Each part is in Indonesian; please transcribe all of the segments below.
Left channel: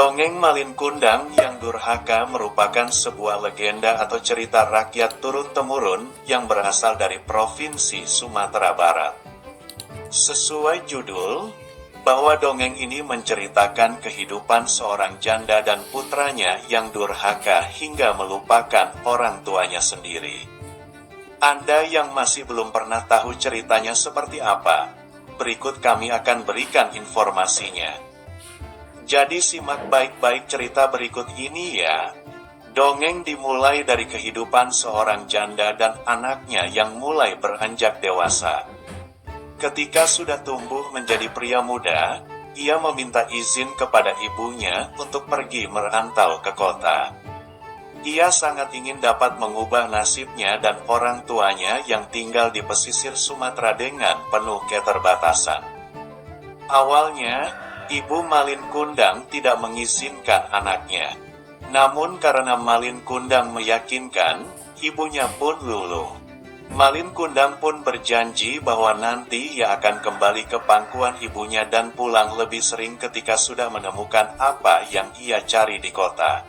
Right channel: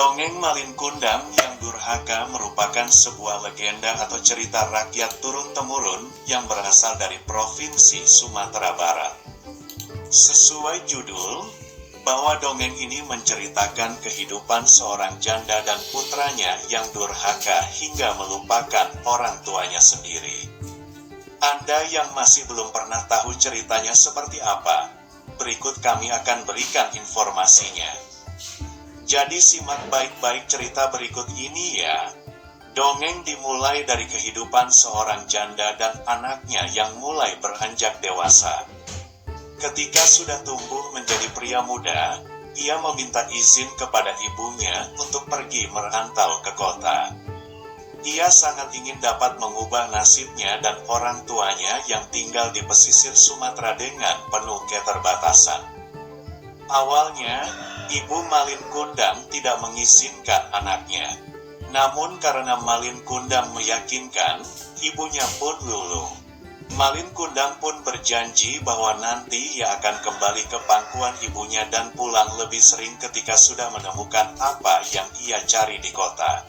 Dongeng Malin Kundang yang Durhaka merupakan sebuah legenda atau cerita rakyat turun-temurun yang berasal dari Provinsi Sumatera Barat. Sesuai judul, bahwa dongeng ini menceritakan kehidupan seorang janda dan putranya yang durhaka hingga melupakan orang tuanya sendiri. Anda yang masih belum pernah tahu ceritanya seperti apa, berikut kami akan berikan informasinya. Jadi simak baik-baik cerita berikut ini ya. Dongeng dimulai dari kehidupan seorang janda dan anaknya yang mulai beranjak dewasa. Ketika sudah tumbuh menjadi pria muda, ia meminta izin kepada ibunya untuk pergi merantau ke kota. Ia sangat ingin dapat mengubah nasibnya dan orang tuanya yang tinggal di pesisir Sumatera dengan penuh keterbatasan. Awalnya, Ibu Malin Kundang tidak mengizinkan anaknya. Namun karena Malin Kundang meyakinkan, ibunya pun luluh. Malin Kundang pun berjanji bahwa nanti ia akan kembali ke pangkuan ibunya dan pulang lebih sering ketika sudah menemukan apa yang ia cari di kota.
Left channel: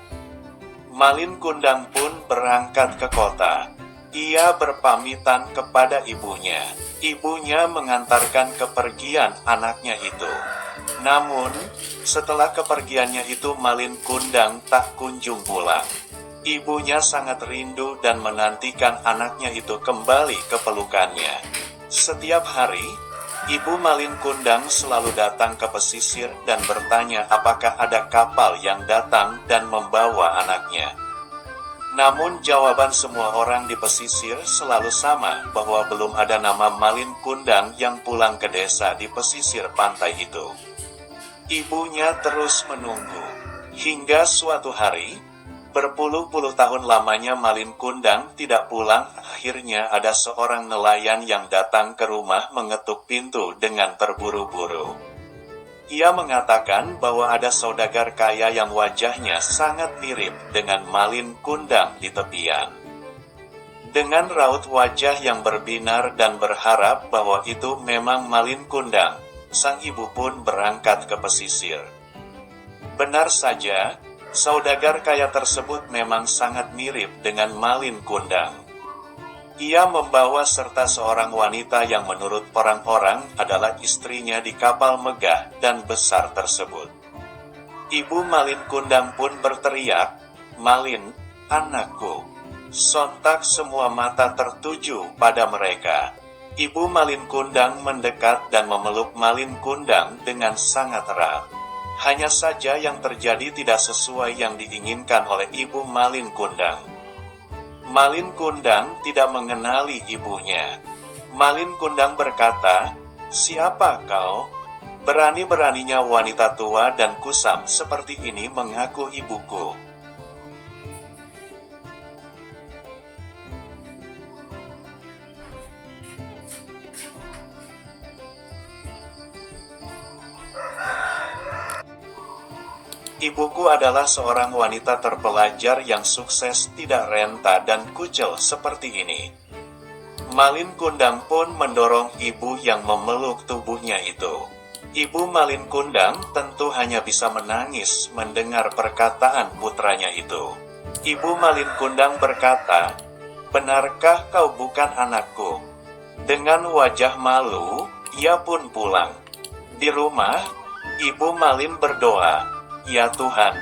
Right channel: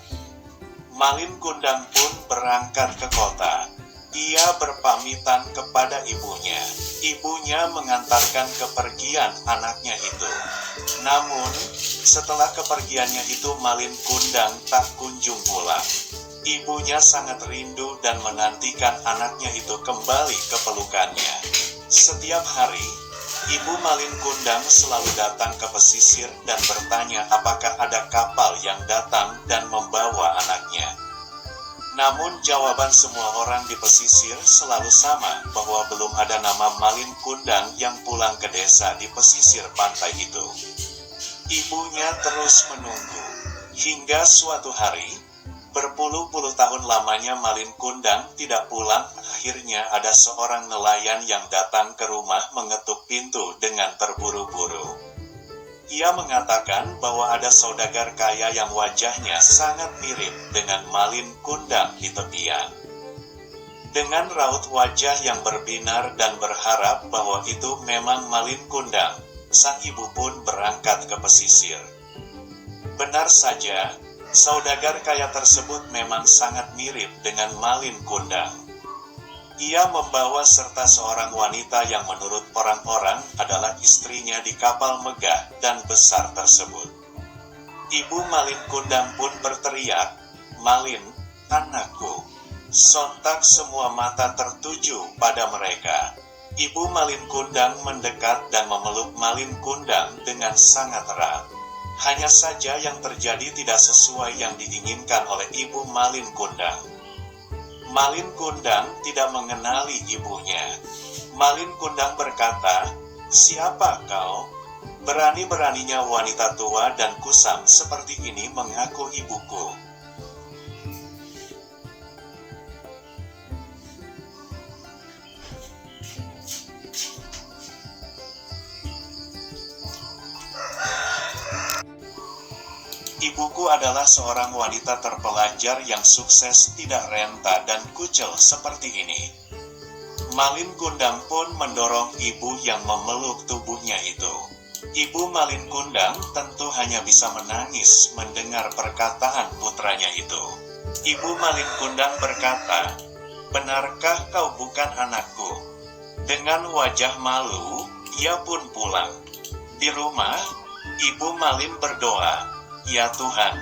Malin Kundang pun berangkat ke kota. Ia berpamitan kepada ibunya. Ibunya mengantarkan kepergian anaknya itu. Namun, setelah kepergiannya itu Malin Kundang tak kunjung pulang. Ibunya sangat rindu dan menantikan anaknya itu kembali ke pelukannya. Setiap hari, Ibu Malin Kundang selalu datang ke pesisir dan bertanya apakah ada kapal yang datang dan membawa anaknya. Namun jawaban semua orang di pesisir selalu sama, bahwa belum ada nama Malin Kundang yang pulang ke desa di pesisir pantai itu. Ibunya terus menunggu, hingga suatu hari, berpuluh-puluh tahun lamanya Malin Kundang tidak pulang. Akhirnya ada seorang nelayan yang datang ke rumah mengetuk pintu dengan terburu-buru. Ia mengatakan bahwa ada saudagar kaya yang wajahnya sangat mirip dengan Malin Kundang di tepian. Dengan raut wajah yang berbinar dan berharap bahwa itu memang Malin Kundang, sang ibu pun berangkat ke pesisir. Benar saja, saudagar kaya tersebut memang sangat mirip dengan Malin Kundang. Ia membawa serta seorang wanita yang menurut orang-orang adalah istrinya di kapal megah dan besar tersebut. Ibu Malin Kundang pun berteriak, "Malin, anakku!" Sontak semua mata tertuju pada mereka. Ibu Malin Kundang mendekat dan memeluk Malin Kundang dengan sangat erat. Hanya saja yang terjadi tidak sesuai yang diinginkan oleh Ibu Malin Kundang. Malin Kundang tidak mengenali ibunya. Malin Kundang berkata, "Siapa kau?" Berani-beraninya wanita tua dan kusam seperti ini mengaku ibuku. Ibuku adalah seorang wanita terpelajar yang sukses, tidak renta dan kucel seperti ini. Malin Kundang pun mendorong ibu yang memeluk tubuhnya itu. Ibu Malin Kundang tentu hanya bisa menangis mendengar perkataan putranya itu. Ibu Malin Kundang berkata, "Benarkah kau bukan anakku?" Dengan wajah malu, ia pun pulang. Di rumah, Ibu Malin berdoa, "Ya Tuhan,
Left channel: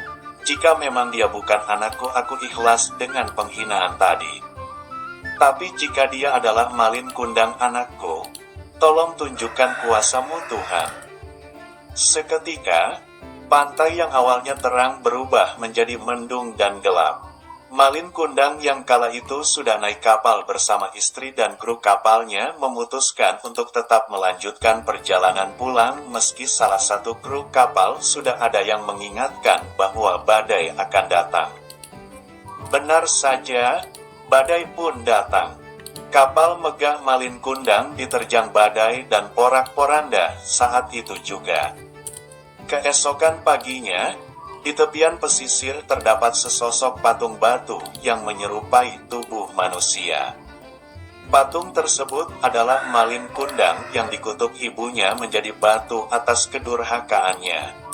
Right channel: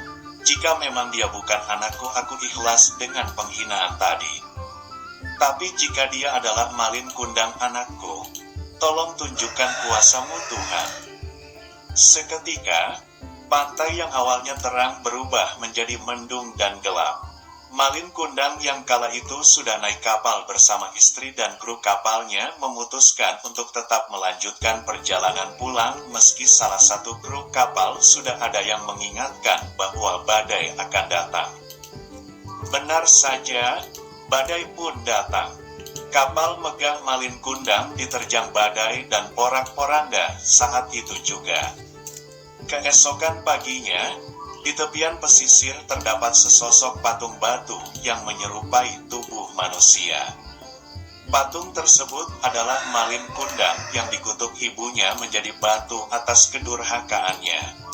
jika memang dia bukan anakku, aku ikhlas dengan penghinaan tadi. Tapi jika dia adalah Malin Kundang anakku, tolong tunjukkan kuasa-Mu Tuhan." Seketika, pantai yang awalnya terang berubah menjadi mendung dan gelap. Malin Kundang yang kala itu sudah naik kapal bersama istri dan kru kapalnya memutuskan untuk tetap melanjutkan perjalanan pulang meski salah satu kru kapal sudah ada yang mengingatkan bahwa badai akan datang. Benar saja, badai pun datang. Kapal megah Malin Kundang diterjang badai dan porak-poranda saat itu juga. Keesokan paginya, di tepian pesisir terdapat sesosok patung batu yang menyerupai tubuh manusia. Patung tersebut adalah Malin Kundang yang dikutuk ibunya menjadi batu atas kedurhakaannya.